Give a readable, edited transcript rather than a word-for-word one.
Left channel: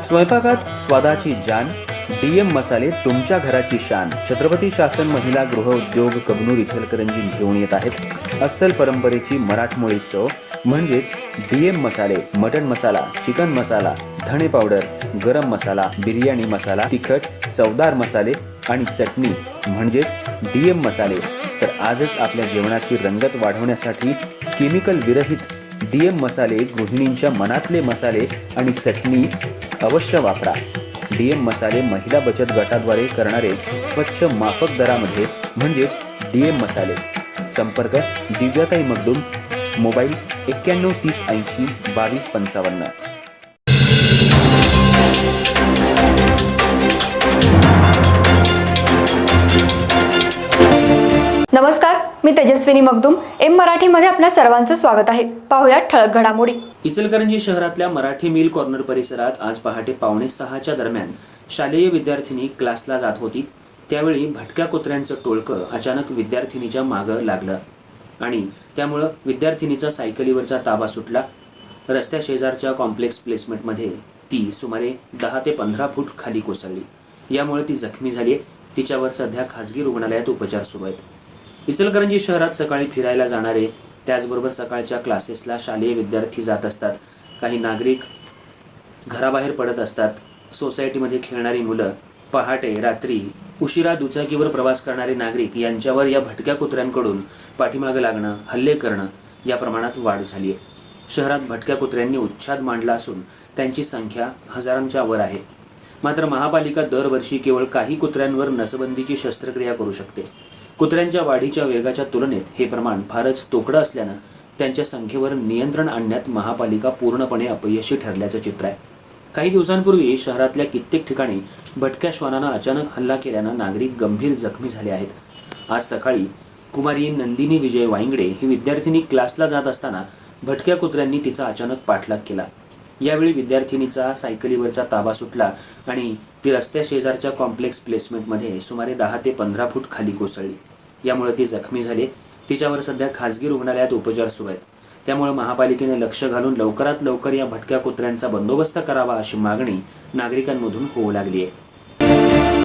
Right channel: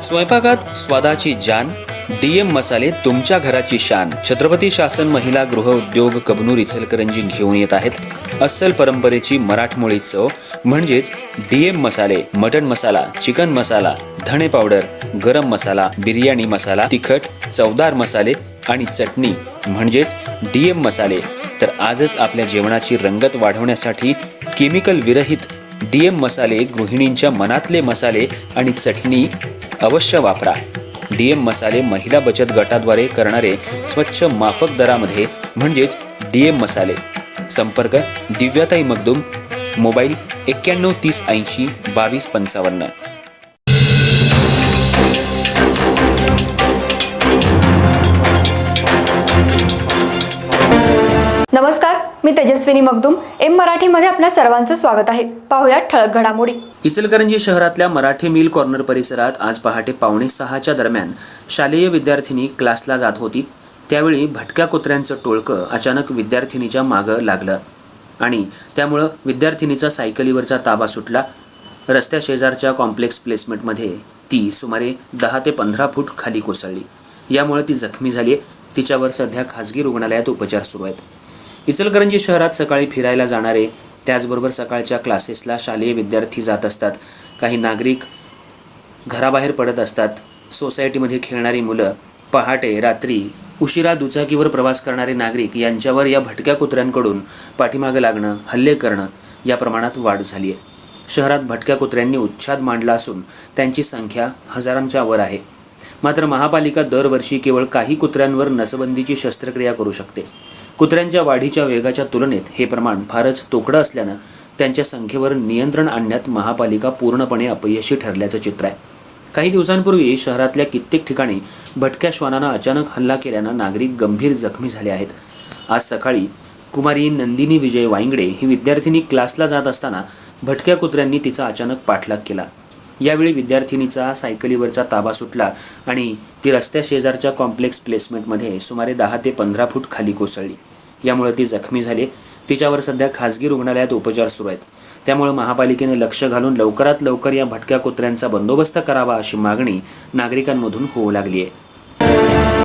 स्वयंपाकात स्वादाची जान, डीएम मसाले तुमच्या घराची शान. छत्रपती शासन महिला गृह उद्योग कबनूर इचलकरंजी घेऊन येत आहेत अस्सल परंपरेची मराठमोळी चव म्हणजेच डीएम मसाले. मटन मसाला, चिकन मसाला, धणे पावडर, गरम मसाला, बिर्याणी मसाला, तिखट चवदार मसाले आणि चटणी म्हणजेच डीएम मसाले. तर आजच आपल्या जेवणाची रंगत वाढवण्यासाठी केमिकल विरहित डीएम मसाले, गृहिणींच्या मनातले मसाले आणि चटणी अवश्य वापरा. डीएम मसाले महिला बचत गटाद्वारे करणारे स्वच्छ माफक दरामध्ये म्हणजेच डीएम मसाले. संपर्क दिव्याताई मगदूम, मोबाईल 91 30 80 22 55. नमस्कार, मी तेजस्विनी मगदूम. एम मराठीमध्ये आपल्या सर्वांचं स्वागत आहे. पाहूया ठळक घडामोडी. इचलकरंजी शहरातल्या मराठी मिल कॉर्नर परिसरात आज पहाटे 5:45च्या दरम्यान शालेय विद्यार्थिनी क्लासला जात होती. त्यावेळी भटक्या कुत्र्यांचं टोळकं अचानक विद्यार्थिनीच्या मागं लागलं आणि त्यामुळं विद्यार्थिनीचा सायकलीवरचा ताबा सुटला. रस्त्या शेजारच्या कॉम्प्लेक्स प्लेसमेंटमध्ये ती सुमारे 10 ते 15 फूट खाली कोसळली. यामुळे ती जखमी झाली. तिच्यावर सध्या खासगी रुग्णालयात उपचार सुरू आहेत. इचलकरंजी शहरात सकाळी फिरायला जाणारे, त्याचबरोबर सकाळच्या क्लासेसला शालेय विद्यार्थी जात असतात. काही नागरिक घराबाहेर पडत असतात. सोसायटीमध्ये खेळणारी मुलं, पहाटे रात्री उशिरा दुचाकीवर प्रवास करणारे नागरिक यांच्यावर या भटक्या कुत्र्यांकडून पाठीमागं लागणं, हल्ले करणं या प्रमाणात वाढ झाली आहे. शहरात भटक्या कुत्र्यांनी उच्छाद मांडला असून त्यांची संख्या हजारांच्या वर आहे. मात्र महापालिका दरवर्षी केवळ काही कुत्र्यांवर नसबंदीची शस्त्रक्रिया करू शकते. कुत्र्यांच्या वाढीच्या वेगाच्या तुलनेत हे प्रमाण फारच तोकडं असल्यानं त्यांच्या संख्येवर नियंत्रण आणण्यात महापालिका पूर्णपणे अपयशी ठरल्याचं चित्र आहे. काही दिवसांपूर्वी शहरातल्या कित्येक ठिकाणी भटक्या श्वानानं अचानक हल्ला केल्यानं नागरिक गंभीर जखमी झाले आहेत. आज सकाळी कुमारी नंदिनी विजय वाईंगडे ही विद्यार्थिनी क्लासला जात असताना भटक्या कुत्र्यांनी तिचा अचानक पाठलाग केला. यावेळी विद्यार्थिनीचा सायकलीवरचा ताबा सुटला आणि ती रस्त्या शेजारच्या कॉम्प्लेक्स प्लेसमेंटमध्ये सुमारे 10 ते 15 फूट खाली कोसळली. यामुळे ती जखमी झाली. तिच्यावर सध्या खासगी रुग्णालयात उपचार सुरू आहेत. त्यामुळे महापालिकेने लक्ष घालून लवकरात लवकर या भटक्या कुत्र्यांचा बंदोबस्त करावा अशी मागणी नागरिकांमधून होऊ लागली आहे.